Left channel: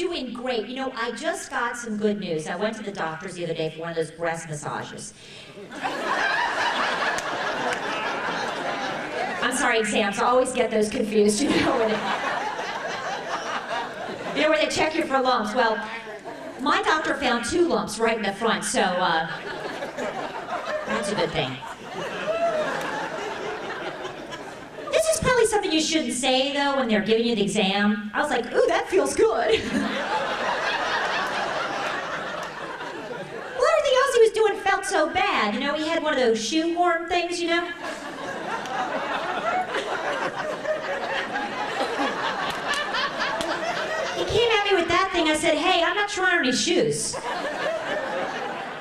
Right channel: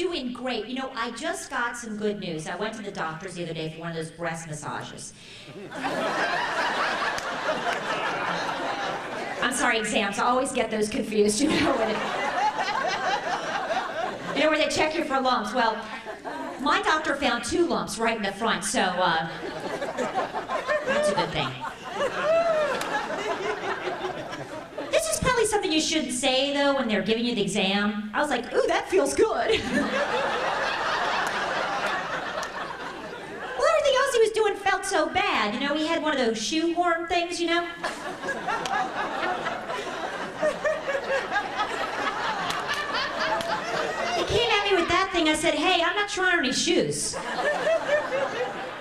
doing great. You know, I just got some good news. I went to the doctor's the other day for one of those breast massages. I'm sorry, exams. I always get those confused, you know, where they check you for lumps. Well, my doctor found 2 lumps right in the front, so that's a good thing. This is probably something you shouldn't say, though, when they're giving you the exam. I was like, ooh, that feels good. Well, everything else he was doing felt so bad. You know, he had one of those shoehorn things, you know? He came at me with that thing. I said, hey, I'm not trying on any shoes.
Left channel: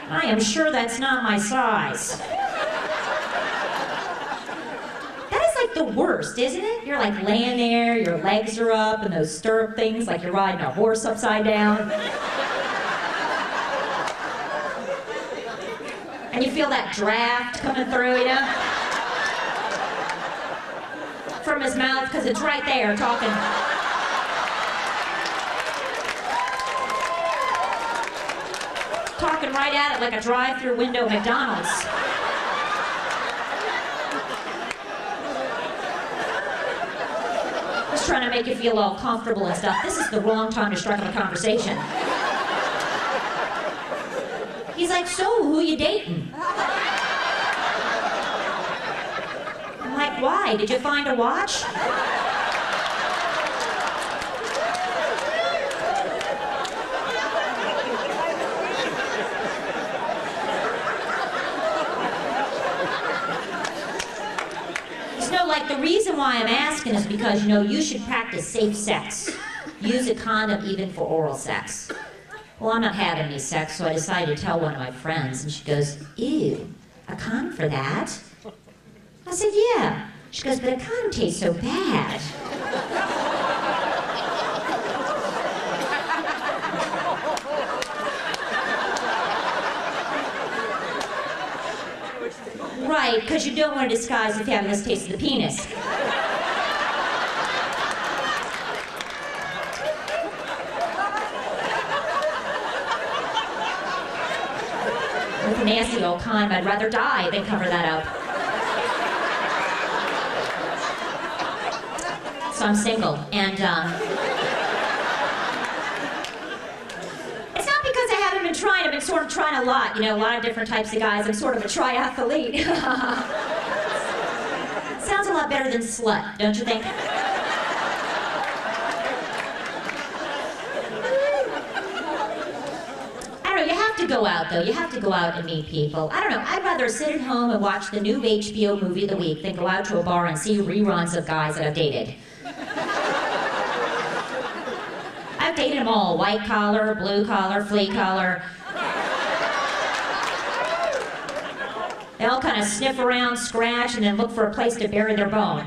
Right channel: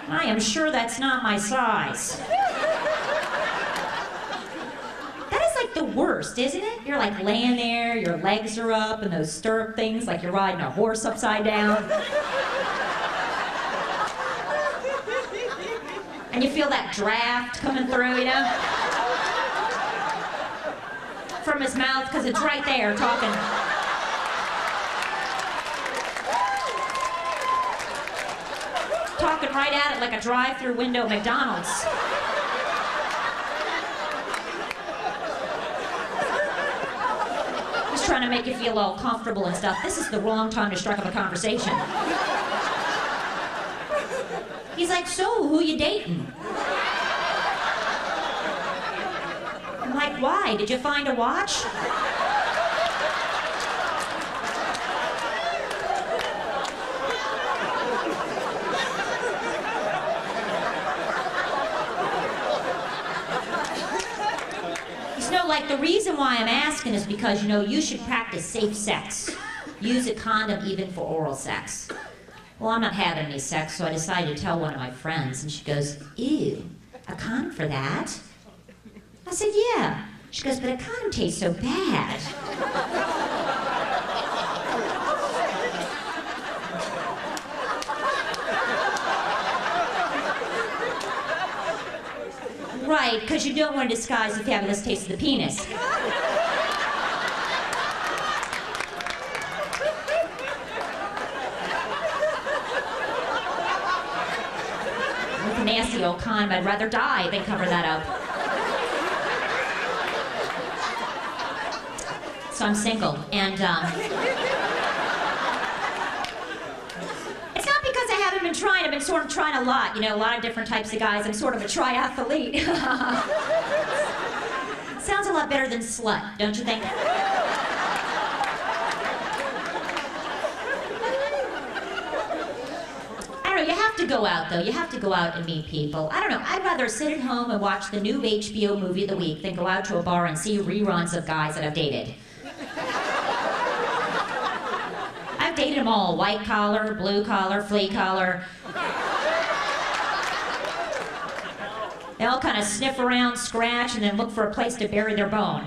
I am sure that's not my size. That is like the worst, isn't it? You're like laying there, your legs are up, and those stirrup things like you're riding a horse upside down. And you feel that draft coming through, you know? From his mouth, because it's right there talking. Talking right at it like a drive-through window at McDonald's. He's trying to make you feel all comfortable and stuff. This is the wrong time to strike up a conversation. He's like, so, who you dating? I'm like, why? Did you find a watch? No, like, the reason why I'm asking is because, you know, you should practice safe sex. Use a condom even for oral sex. Well, I'm not having any sex, so I decided to tell one of my friends, and she goes, ew, a condom for that? I said, yeah. She goes, but a condom tastes so bad. Right, because you don't want to disguise the fabulous taste of the penis. With a nasty old condom, I'd rather die than cover that up. So I'm single, and it's not because I haven't been trying. I've been sort of trying a lot, you know, a lot of different types of guys. I'm sort of a triathlete. Sounds a lot better than slut, don't you think? I don't know, you have to go out, though. You have to go out and meet people. I don't know, I'd rather sit at home and watch the new HBO movie of the week than go out to a bar and see reruns of guys that I've dated. I've dated them all, white collar, blue collar, flea collar. They all kind of sniff around, scratch, and then look for a place to bury their bone.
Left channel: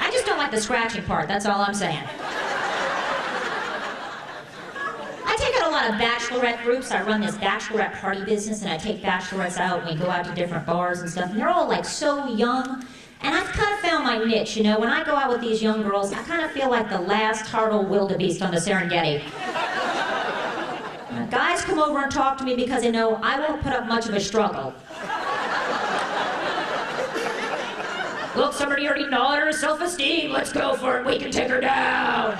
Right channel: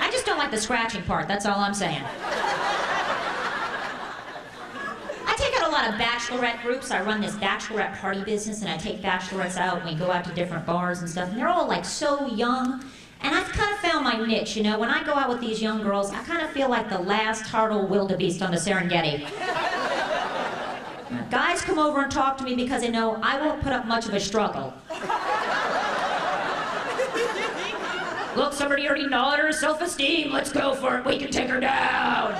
I just don't like the scratching part, that's all I'm saying. I take out a lot of bachelorette groups. I run this bachelorette party business, and I take bachelorettes out, and we go out to different bars and stuff, and they're all like so young. And I've kind of found my niche, you know. When I go out with these young girls, I kind of feel like the last Hartle wildebeest on the Serengeti. Guys come over and talk to me because they know I won't put up much of a struggle. Look, somebody already gnawed her self-esteem. Let's go for it. We can take her down.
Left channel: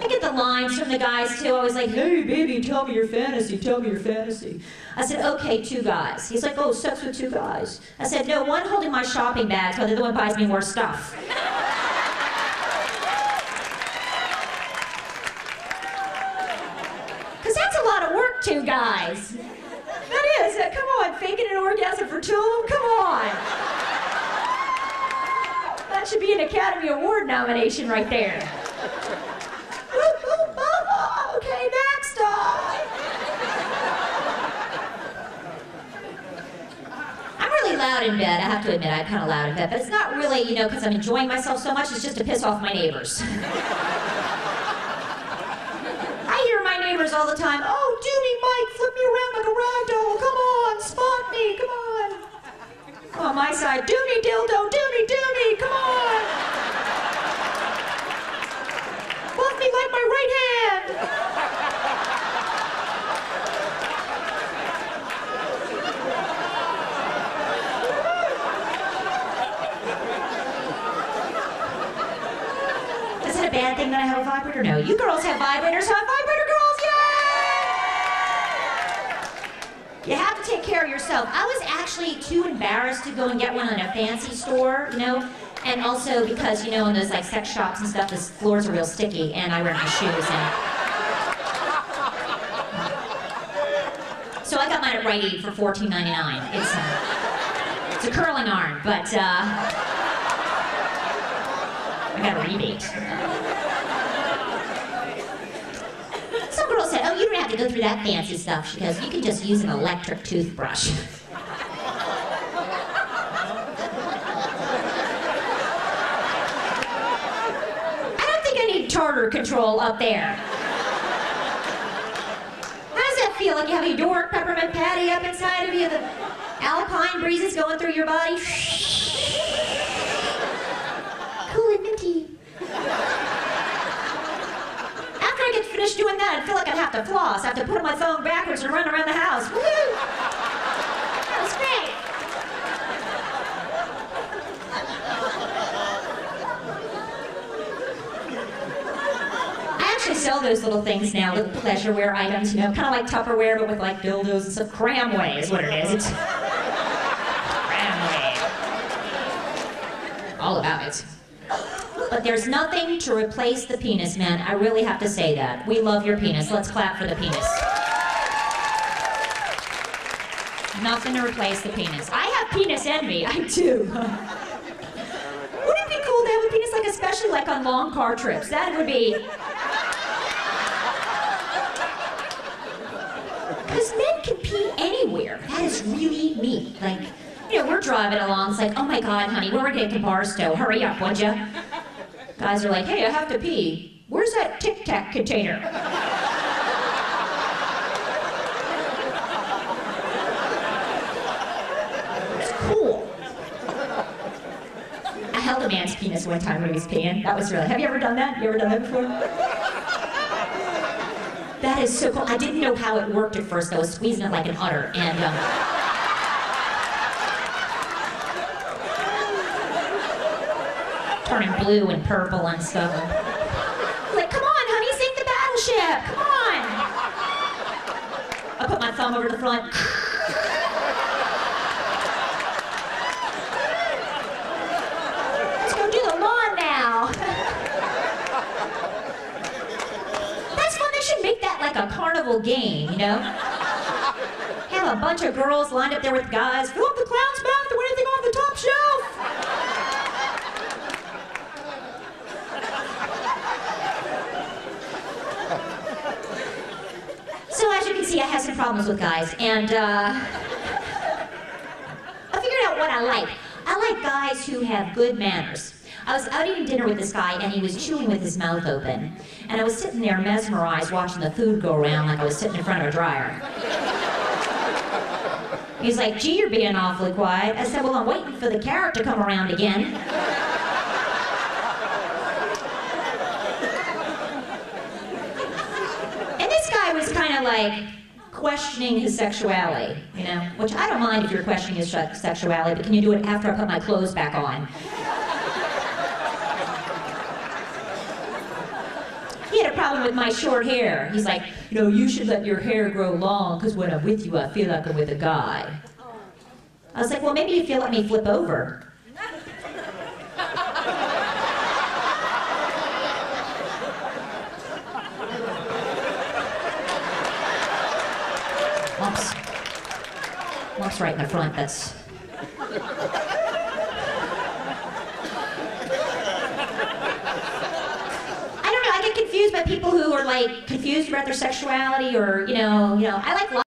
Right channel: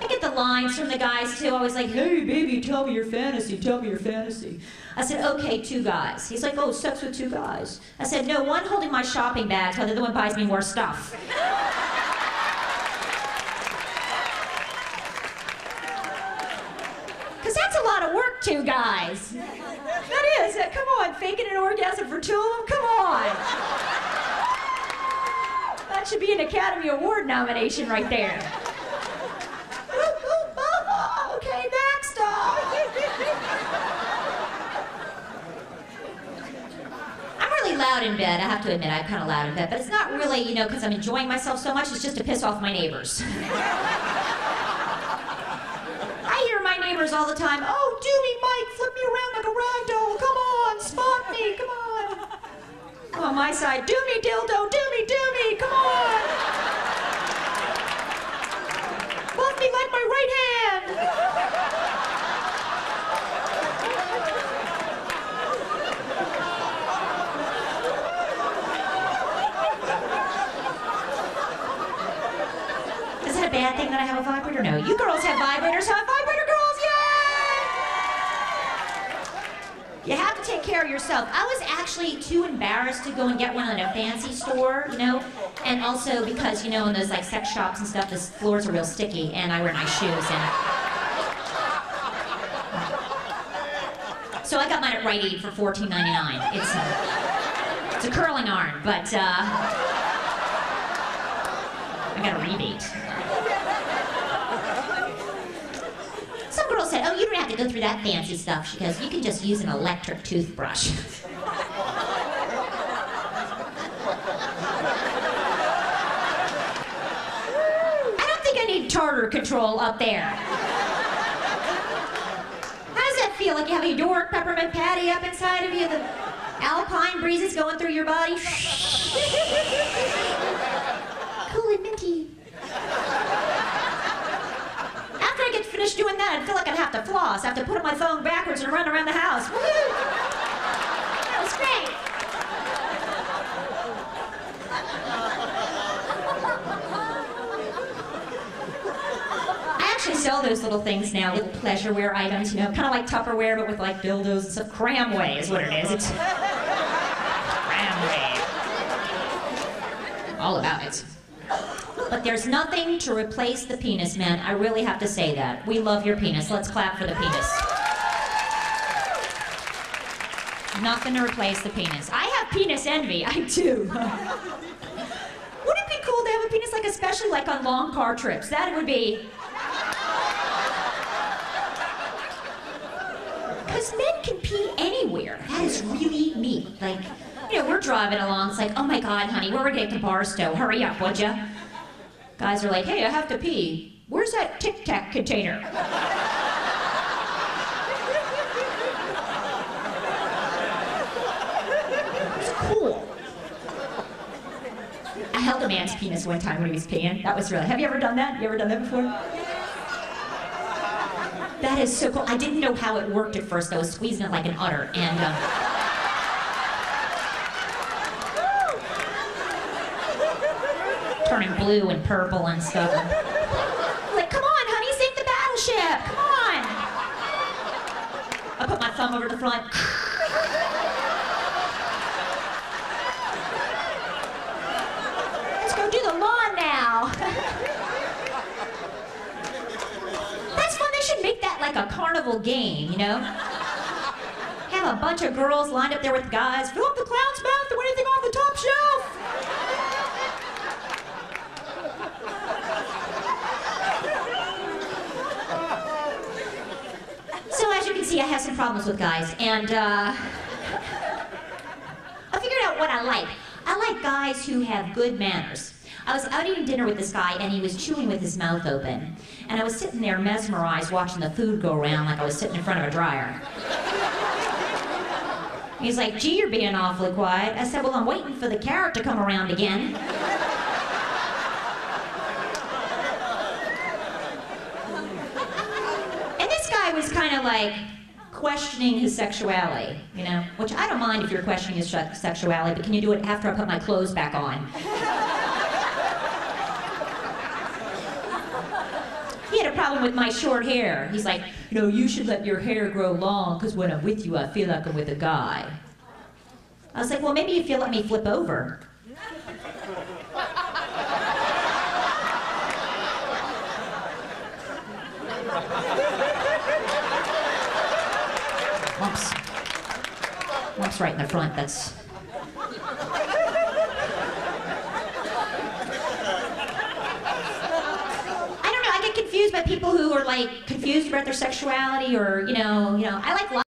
I get the lines from the guys, too. I was like, hey, baby, tell me your fantasy. Tell me your fantasy. I said, okay, 2 guys. He's like, oh, sex with 2 guys. I said, no, one holding my shopping bags while the other one buys me more stuff. Because that's a lot of work, 2 guys. That is. Come on, faking an orgasm for 2 of them? Come on. That should be an Academy Award nomination right there. Okay, next up. I'm really loud in bed. I have to admit, I'm kind of loud in bed. But it's not really, you know, because I'm enjoying myself so much. It's just to piss off my neighbors. I hear my neighbors all the time. Oh, do me, Mike. Flip me around. I'm on my side. Do me, dildo, do me, come on. Love me like my right hand. Is it a bad thing that I have a vibrator? No. You girls have vibrators, huh? Vibrator girls, yay! You have to take care of yourself. I was actually too embarrassed to go and get one in a fancy store, you know? And also because, you know, in those like sex shops and stuff, the floors are real sticky and I wear nice shoes and... So I got mine at Rite Aid for $14.99. It's a curling iron, but I got a rebate. Some girl said, oh, you don't have to go through that fancy stuff. She goes, you can just use an electric toothbrush. I don't think I need tartar control up there. How does that feel? Like you have a York peppermint patty up inside of you? The alpine breezes going through your body? Cool and minty. After I get finished doing that, I feel like I'd have to floss. I have to put my phone backwards and run around the house. Woo-hoo! That was great. I actually sell those little things now, little pleasureware items, you know, kind of like Tupperware, but with like dildos and stuff. Cramway is what it is. It's Cramway. All about it. But there's nothing to replace the penis, man. I really have to say that. We love your penis. Let's clap for the penis. Nothing to replace the penis. I have penis envy. I do. Wouldn't it be cool to have a penis, like especially like on long car trips? That would be... Because men can pee anywhere. That is really neat. Like, you know, we're driving along. It's like, oh my God, honey, we're gonna get to Barstow. Hurry up, would ya? Guys are like, hey, I have to pee. Where's that Tic Tac container? It's cool. I held a man's penis one time when he was peeing. That was really, have you ever done that? You ever done that before? That is so cool. I didn't know how it worked at first. I was squeezing it like an udder, and turning blue and purple and stuff. Like, come on, honey, sink the battleship. Come on. I put my thumb over the front. Let's go do the lawn now. That's fun. They should make that like a carnival game, you know? Have a bunch of girls lined up there with guys. Fill up the clown's mouth to anything off the top shelf. So as you can see, I have some problems with guys, and I figured out what I like. I like guys who have good manners. I was out eating dinner with this guy, and he was chewing with his mouth open. And I was sitting there mesmerized watching the food go around like I was sitting in front of a dryer. He's like, gee, you're being awfully quiet. I said, well, I'm waiting for the carrot to come around again. I was kind of like questioning his sexuality, you know, which I don't mind if you're questioning his sexuality, but can you do it after I put my clothes back on? He had a problem with my short hair. He's like, you know, you should let your hair grow long because when I'm with you, I feel like I'm with a guy. I was like, well, maybe if you let me flip over. Lumps right in the front, that's... I don't know, I get confused by people who are like confused about their sexuality or, you know, I like